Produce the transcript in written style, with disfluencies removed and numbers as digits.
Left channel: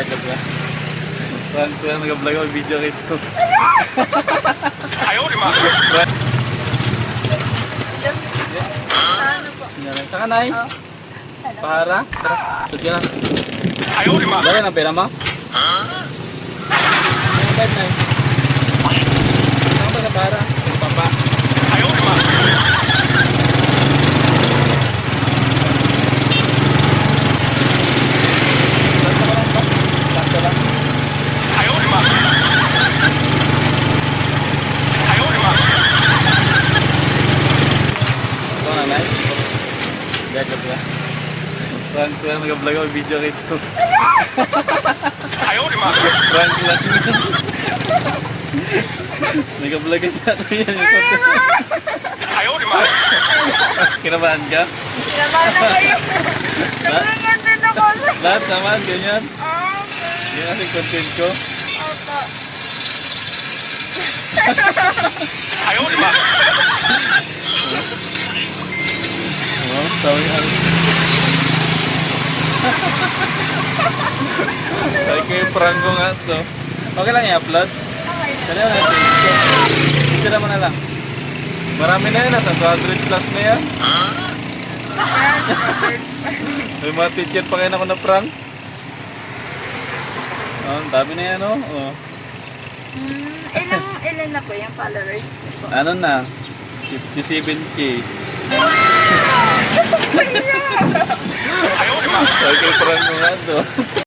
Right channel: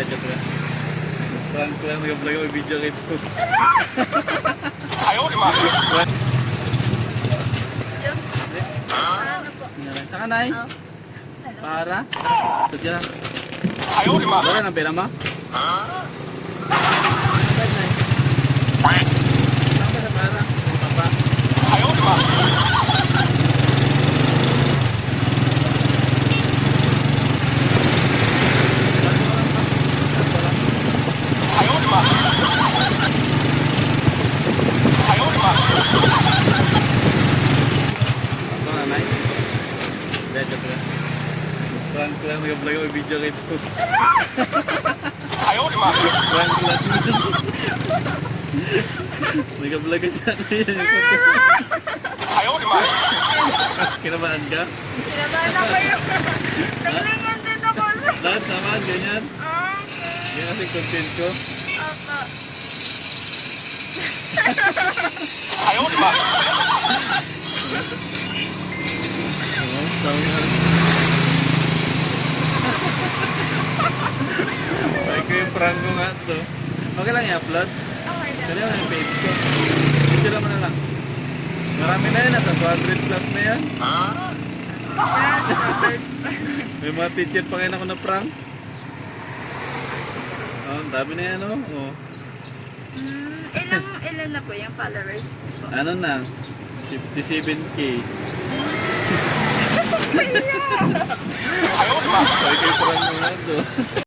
Dito ba? Prank ko lang nag-vlog ako, video ito. Ayaw, di ba? Saka na eh. Oh. Para. Tudya na. Ayaw, di ba? Dala ng pera mo? Ano ba na eh? Saan ba na para? Papa. Ayaw, di ba? Ayaw, di ba? Ayaw, di ba? Ito na nai. Dito ba? Prank ko lang nag-vlog ako, video ito. Ayaw, di ba? Prank lang. Nag-vlog siya ako yan. Ayaw, di ba? Kinabahan ka? Kinabahan na kayo. Naglangan din ako. Lahat naman, ganyan. Okay. Yan kasi content ko. Opo. Ayaw, di ba? Oh, sabi nga. Sabi ko yung prank ko nga to. Okay lang i-upload? Okay na. Kaya na Facebook. Video naman na lang. Marami na yun, nasa 200 plus na yan. May mga teacher pa kayo ako na prank. Oh, ang dami na yan, oh. Oh. Ilan na po yung followers ko? Ano na? 57K. Ayaw, di ba? Sabi ko yung prank ko nga to.